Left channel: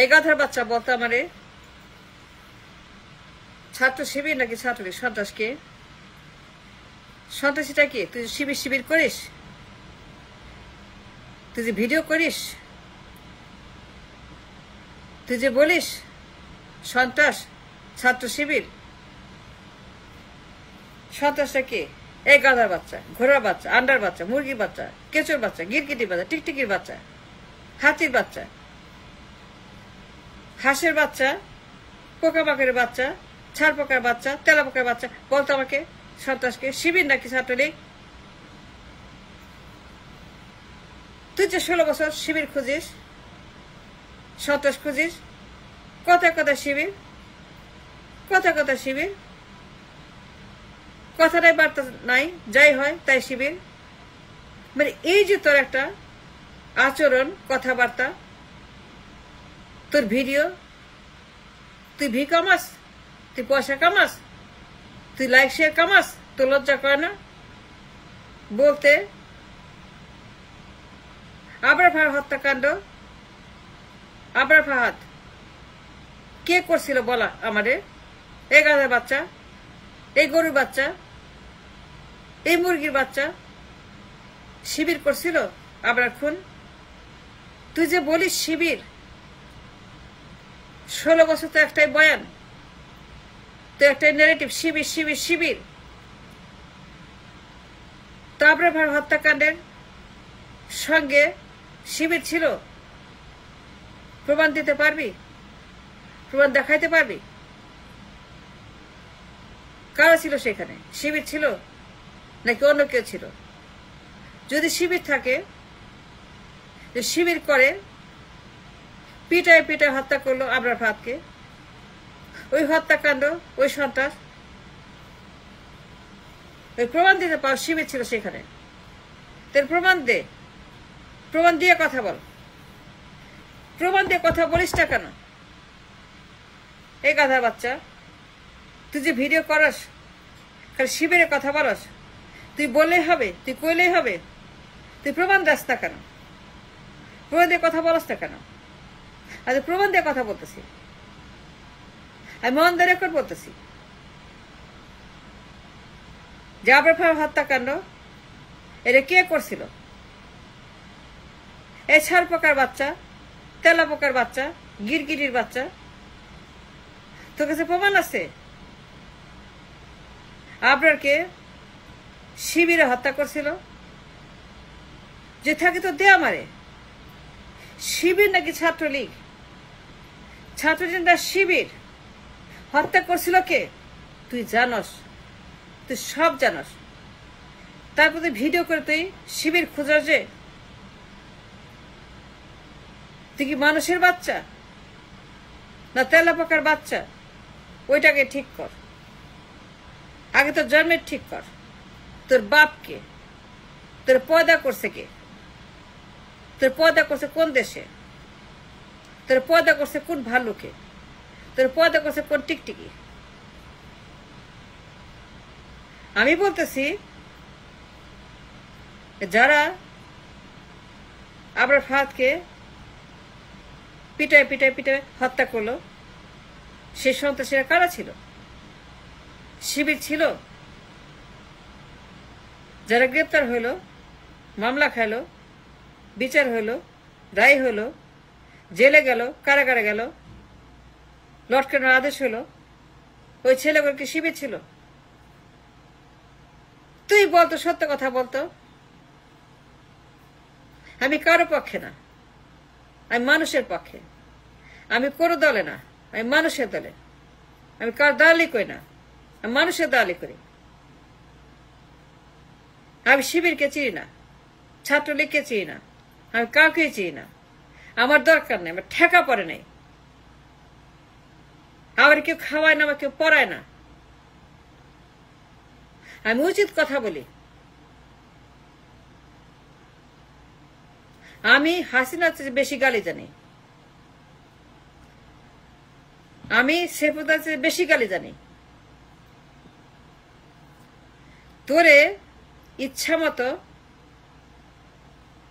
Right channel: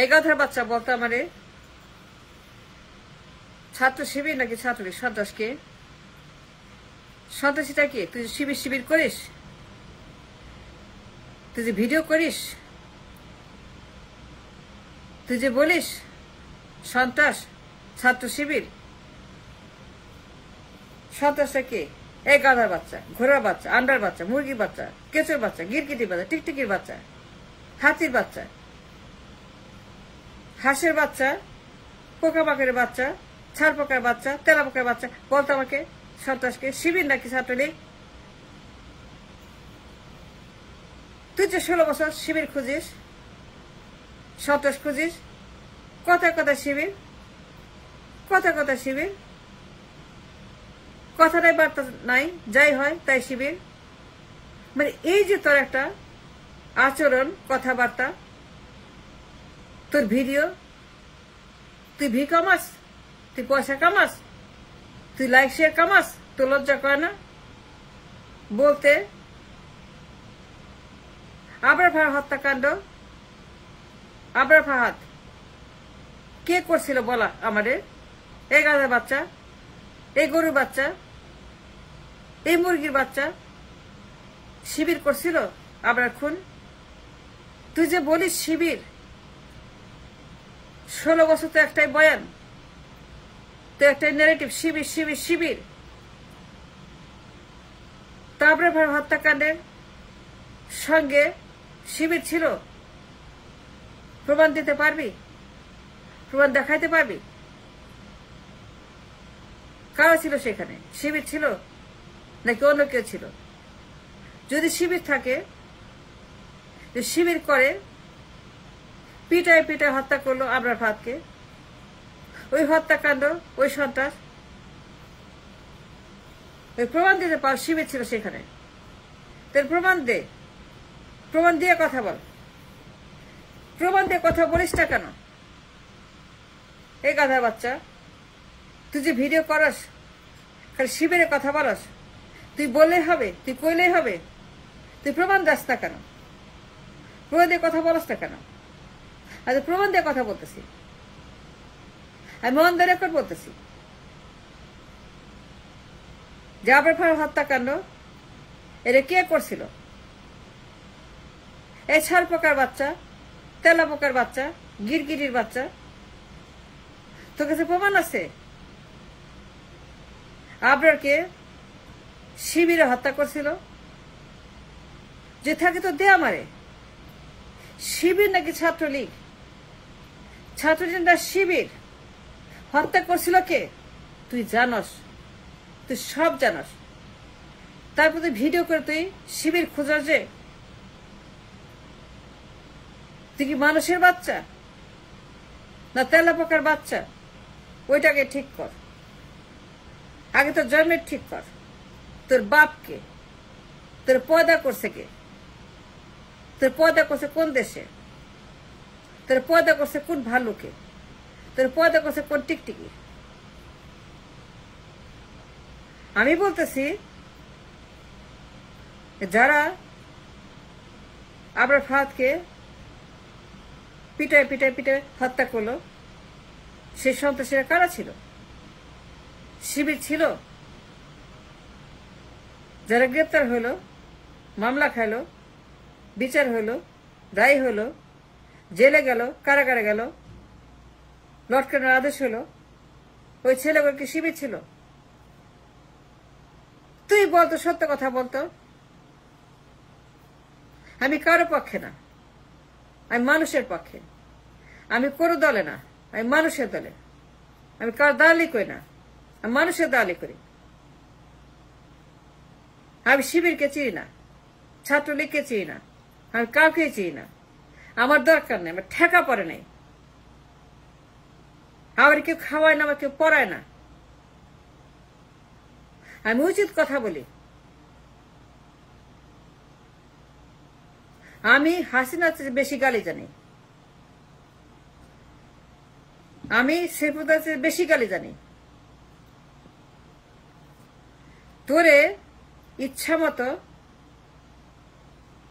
এই গাধার বাচ্চা বলতো আমারে ছাত্র শিবির নাকি ছাত্রলীগ সন্ত্রাসকে? সন্ত্রাসীটা কি? তুই শিবির শিবির করিস, তুই যে ভিডিও করিস, তুই যে বলিস সন্ত্রাস ছাত্র শিবির, সন্ত্রাসটা কে? এই গাধার বাচ্চা, ঘোড়ার বাচ্চা, আন্ডার বাচ্চা, মুরগির বাচ্চা, কেঁচোর বাচ্চা, গিরগিটির বাচ্চা, টিকটিকির বাচ্চা, হাতির বাচ্চা, হাঁসের বাচ্চা, পোকামাকড়ের বাচ্চা, ছাড় পোকার বাচ্চা, তেলা পোকার বাচ্চা, বলতো আমাকে সন্ত্রাসকে? শিবির নাকি ছাত্রলীগ? তুই যে 16 বছর শিবির খুঁজিস, সন্ত্রাস খুঁজিস, কথায় কথা শিবির, কথায় কথা শিবির, কথাটাই বার্তা নাই, যাই হয় তাই শিবির। মানে এই যে তোর একটা আচরণ, কথাবার্তা, তোর ভিডিও, তুই ভি কামাস, তুই পয়সা কামাস, তুই লাইক শেয়ার কামাস, তোর লজ্জা করে না বলতে? আবরার ফাহাদ হত্যাকাণ্ড, আবরার ফাহাদ কে করছিল বলা আমাদের? এই গাধার বাচ্চা, এই গরুর বাচ্চা, এই মুরগির বাচ্চা শিবির করছিল আবরার খুন? তুই যে বলিস শিবির, 16 বছর তো একটাই বয়ান, তো একটাই নেগেটিভ, শিবির শিবির শিবির। তো আবরার ফাহাদ হত্যাকাণ্ডের সঙ্গে শিবির ছিল, প্রমাণ দিতে পারবি? প্রমাণ দেখাইতে পারবি? কারা ছিল সেখানে? শিবির ছিল নাকি অন্য কেউ ছিল? যদি শিবির থাকে, শিবির করে পিটায় পিটায় হত্যা করলো আবরার ফাহাদকে, ওই হত্যাকাণ্ড, ওই সন্ত্রাস, ওই প্রমাণ দিতে পার শিবির ছিল সেখানে? তার প্রমাণ দে, প্রমাণ দিয়ে কথা বল। প্রমাণ দিয়ে কথা বলিস না কেন? এই গাধার বাচ্চা, তুই যে ভিডিও করস, খালি শিবিরের কথা বলস, তুই বললেই হবে, তুই কইলেই হবে, তুই প্রমাণ দাস না কেন? প্রমাণ দিয়ে কথা বলস না কেন? আজ প্রমাণ দিয়ে কথা বলতেছি, আমি অন দ্য রেকর্ড বলতেছি যে আবরার ফাহাদ হত্যাকাণ্ড এটা কে করছিল? এই ছাড় পোকার বাচ্চা, তেলা পোকার বাচ্চা, গিরগিটির বাচ্চা, তোর কাছে প্রমাণ আছে আবরারকে শিবিরে হত্যা করছিল? যে থাকে তো দে আমারে। শিবির নাকি ছাত্রলীগ? ছাত্রলীগ না শিবির? হত্যা করছিল কে? তুই জানস, তুই সব জানস, তারপর তুই ভিডিও করে তুই শিবির খোঁজার যে? তুই কি মানুষের বাচ্চা না তেলা পোকার বাচ্চা? ওইটাকে ঠিক কর, আগে তোর জন্মের ঠিক কর। তোর বাপকে, তোর পয়দা করছে কে? তোর পয়দা করছে কোন দেশে? তোর পয়দা করছে কোন ভালুকে? তোর পয়দা করছে কোন টিকটিকি? আমি বলতেছি যারা আবরার ফাহাদকে পিটায় পিটায় পিটায় হত্যা করলো, সেই সন্ত্রাসীরা কারা ছিল? শিবির ছিল? যারা গ্রেপ্তার হইল, মামলা খাইল, বিচার হইল, রায় হইল, জেলে গেল, কারাগারে গেল, লটকানোর আদেশ হইল, ওই ছেলেগুলো কি শিবির ছিল? তুই বলতো, সত্য কথা বলতো। আমি কারো পক্ষে না, আমি মানুষের পক্ষে। আমি কোনো দলে না, আমি মানুষের দলে। আমি কার দালালি করি না, আমি মানুষের দালালি করি। আমি শিবিরকে চিনি না, ছাত্রলীগকে চিনি না, আমি কাউকে চিনি না। আমার দরকার নেই, আমার ঠেকা পড়ে নাই। আমার কেউ খাওয়ায় না, আমার কেউ পড়ায় না। আমি উচিত কথা বলি। আমি হাসিনার চেয়ে বেশি গালি জানি, আমি সেফুদ্দার চেয়ে বেশি গালি জানি। তোরে ইচ্ছা মতো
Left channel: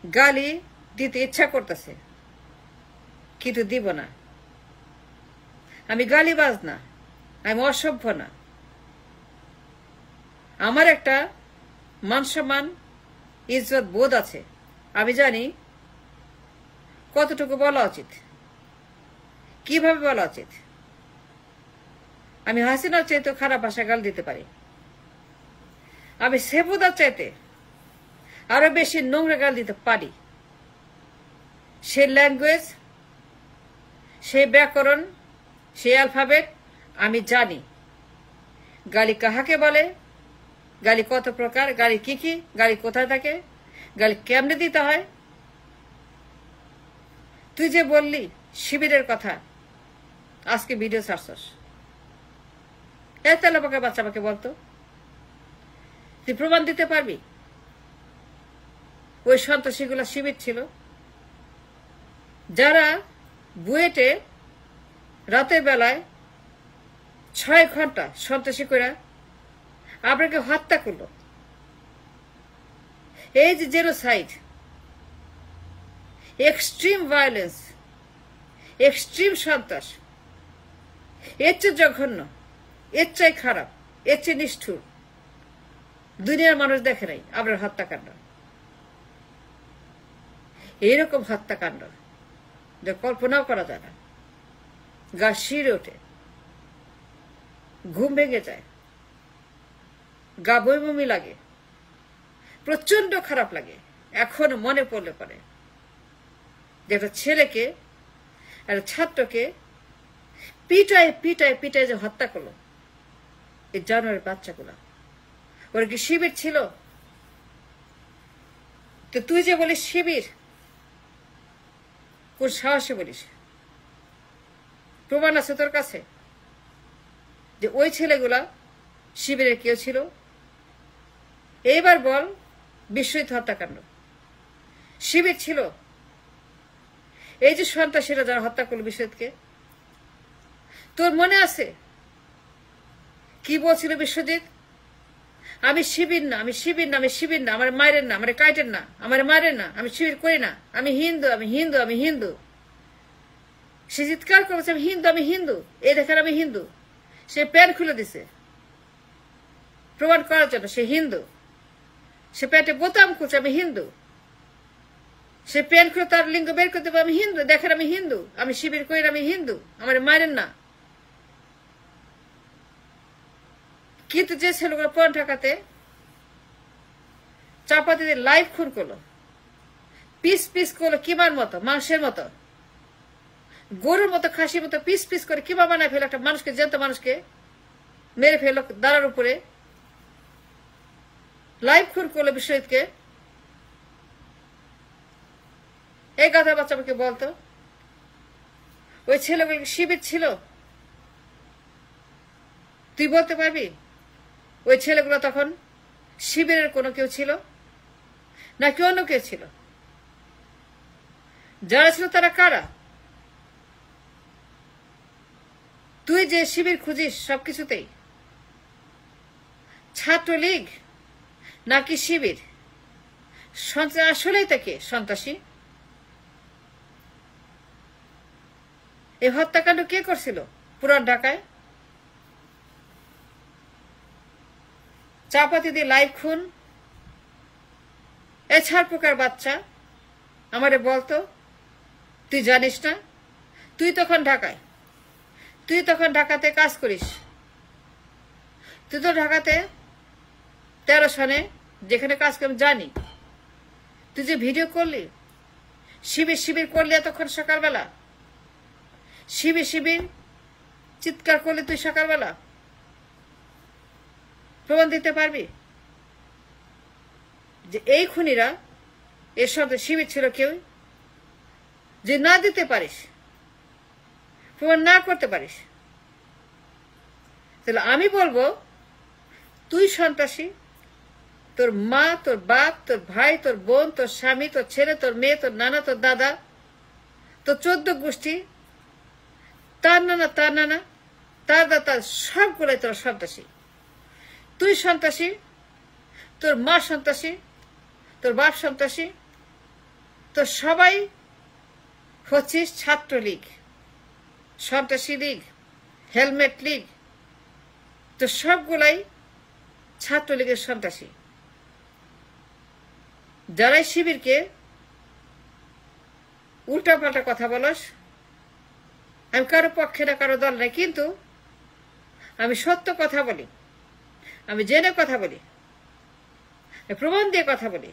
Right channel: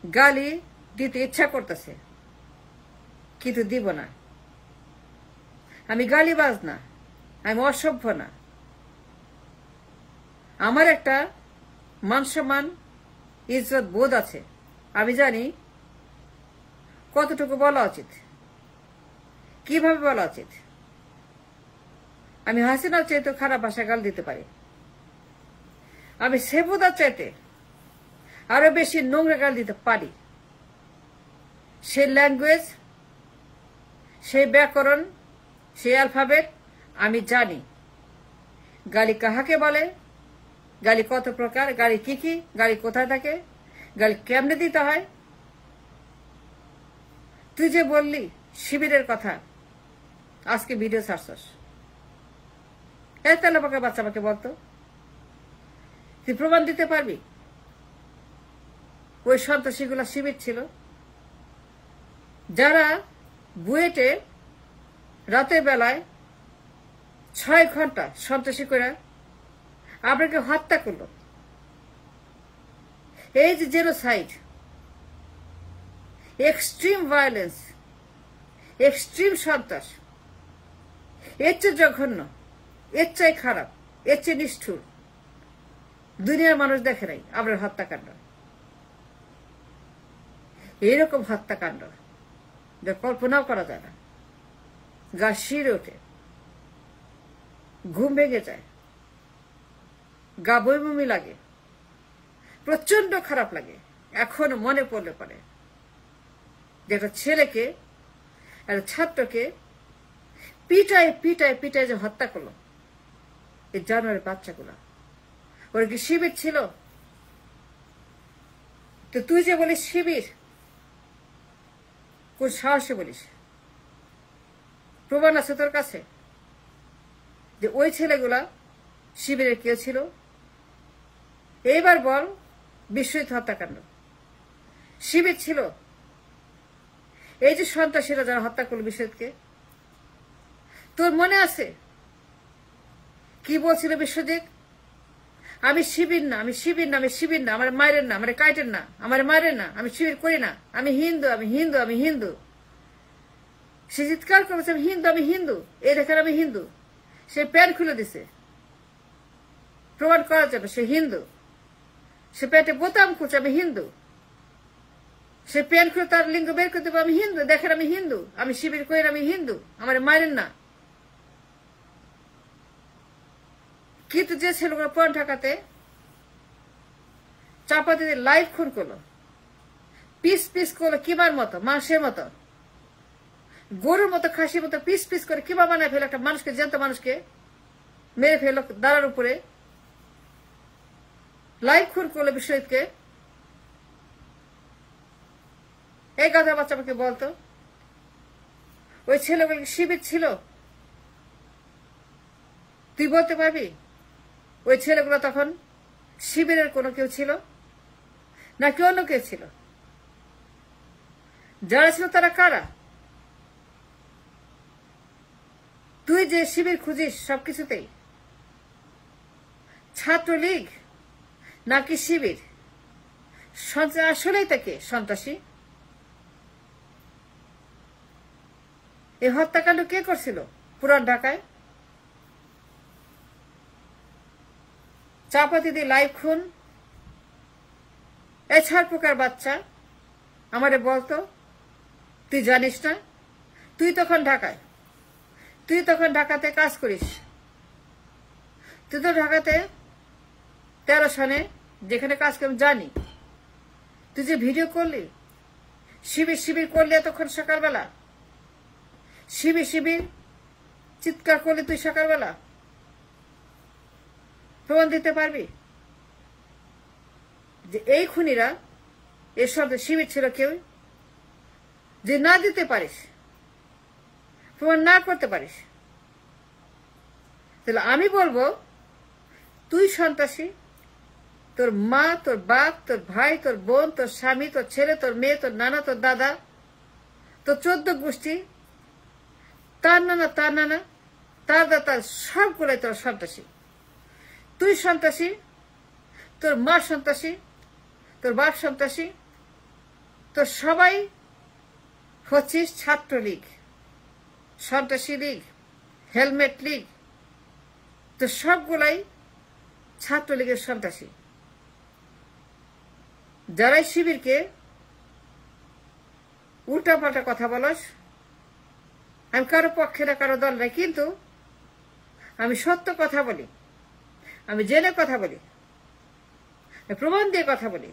গালি দিতে ইচ্ছা করতেছে, কিন্তু দিব না। আমি গালিবাজ না, আমি অসভ্য না। আমার একটা মান সম্মান ইজ্জত বোধ আছে। আমি জানি কতটুকু বলা উচিত, কিভাবে বলা উচিত। আমি হাসিনার চাইতে খারাপ ভাষা গাল দিতে পারি। আমি সেবুদার চাইতে আরো বেশি নোংরা গাল দিতে পারি। সেই ল্যাঙ্গুয়েজ, সেই ব্যাকরণ, সেই অ্যালফাবেট আমি জানি। গালি কাহাকে বলে, গালি কত প্রকার, গালি কি কি, গালি কোথায় থাকে, গালি কেমনে দিতে হয়। তুই যে বললি শিবিরের কথা, আজকে ভিডিও ছাড়ছস, এই তেলে পাকা বাচ্চা আমাকে বলতো, তুই প্রমাণ দিতে পারবি ওই সন্ত্রাসীগুলা শিবির ছিল, যারা বুয়েটে রাতের বেলায় 6 ঘন্টা সন্ত্রাসী করে আপনাকে হত্যা করলো। এই যে জেনোসাইড, এক্সট্রিম ভায়োলেন্স, এক্সট্রিম সন্ত্রাস, এর চেয়ে জঘন্য, এর চেয়ে খারাপ, এর চেয়ে নিষ্ঠুর দুনিয়ার মানুষ দেখে নাই। আপনার হত্যাকাণ্ড, এইরকম হত্যাকাণ্ড যা কল্পনাও করা যায় না। গা শিরে ওঠে, ঘুম ভেঙে যায়, গা বমি লাগে, প্রচন্ড খারাপ লাগে। এখন মনে পড়লে পরে যে একটা ছেলেকে, একটা ছাত্রকে পিটায় পিটায় পিটায় যে হত্যা করলো এই জানুয়ারি বাচ্চাগুলা, ওরা কি শিবির ছিল? তো তুই যে বলিস শিবির, কোন সাহসে বলিস? প্রমাণ আছে তোর কাছে যে ওই ছেলেগুলা শিবিরের কেউ ছিল? এইবার বল, বিশ্বজিৎ হত্যাকাণ্ড শিবির ছিল? এই যে সন্ত্রাসীরা যারা হত্যা করলো বিশ্বজিৎকে, তোর মনে আছে কি বলছিল বিশ্বজিৎ? আমি শিবির না, আমি শিবির না, আমি শিবির না, আমার মায়ের না, আমার কাইটের না, আমার মায়ের না, আমি শিবির করি না, আমি হিন্দু, আমি হিন্দু, আমি হিন্দু। সে চিৎকার করেছে আমি হিন্দু, আমি হিন্দু, এই দেখেন আমি হিন্দু। সে প্যান্ট খুলে দিছে প্রমাণ করার জন্য সে হিন্দু। সে প্যান্টে বোতাম খুলছে আমি হিন্দু। সে প্যান্ট খুলে তার লিঙ্গ বের করে দেবো আমি হিন্দু, দেখেন আমি হিন্দু, আমি শিবির করি না, আমি হিন্দু, আমার মায়ের না। কিন্তু যে ছেলেগুলো পয়েন্ট ঢাকাতে চাপা দিয়ে লাইভ খুন করলো, পিস পিস করলো কিমার মতো, মাংসের মতো, গরুর মতো, খাসির মতো পিস পিস করে কিমা বানায় ফেলো, একটা মানুষকে, জ্যান্ত মানুষকে মেরে ফেলো দাঁড়ার উপরে, লাইভ খুন করলো বিশ্বজিৎকে। এই কথা বাচ্চা আমাকে বলতো, ওই ছেলেগুলো শিবির ছিল? তুই বলতে পারবি ওই ছেলেগুলো তখন শিবিরের কোনো কেউ ছিল নাকি অন্য কেউ ছিল? যারা ছিল তারা কারা? তুই যে শিবির খুঁজিস সবকিছুতেই, ছাত্রলীগ নাকি শিবির? আসলেই তাকে সন্ত্রাসী? এই হত্যাকাণ্ড কে করছিল পুরান ঢাকায়? চাপাতি দিয়ে লাইভ খুন। এছাড় প্রকার বাচ্চা আমারে বলতো, তুই জানিস না? তুই তখন ঢাকাতে কাজ করিস। তুই তো ঢাকাতে 13 সনে যেখানে কাজ করি জানি। তুই যে ভিডিও করলি, শিবির শিবির করলি এতক্ষণ সকালবেলা, শিবির শিবির চিৎকার করলি তুই সকালবেলা, প্রমাণ দিতে পারবি যে এই খুনিরা এর সাথে শিবির ছিল কেউ? যে না দিতে পারিস, প্রমাণ না করতে পারিস, তাহলে আমি বলবো তুই সন্ত্রাসী। তোর মা, তোর বাপ, তোর ভাই, তোর বোন, তোর স্বামী, তোর ছেলে, তোর মেয়ে, তোর নানা, তোর দাদা, তোর 14 গোষ্ঠী, তার নানা, তার দাদা, সবগুলোই তোর সন্ত্রাসী। তুই সন্ত্রাসী, তোর মা সন্ত্রাসী, তোর বাপ সন্ত্রাসী, তোর সবাই হচ্ছিস ছাত্রলীগ, সন্ত্রাসী লীগ। হেলমেট লীগ, তো সবগুলাই ছাত্রলীগের সন্ত্রাসী। যারাই শিবিরকে উল্টাপাল্টা কথা বলস, আমি কারো পক্ষে না কারো দল নাই, কিন্তু আমি সত্য কথা বলি, আমি জেনে কথা বলি, প্রমাণ দিয়ে কথা বলি।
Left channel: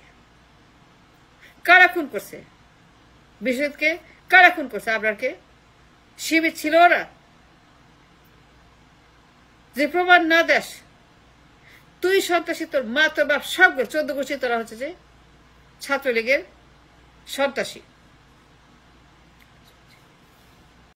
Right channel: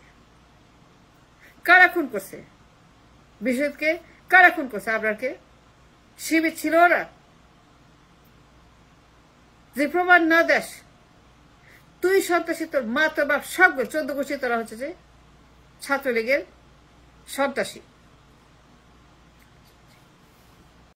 কারা খুন করছে বিশ্বজিৎকে? কারা খুন করছে আবরারকে? শিবির ছিল ওরা? যে প্রমাণ না দেশ, তুই সন্ত্রাসী, তোর মা তোর বাপ সবগুলো 14 গোষ্ঠী তোরা হচ্ছে যে ছাত্রলীগের সন্ত্রাসী।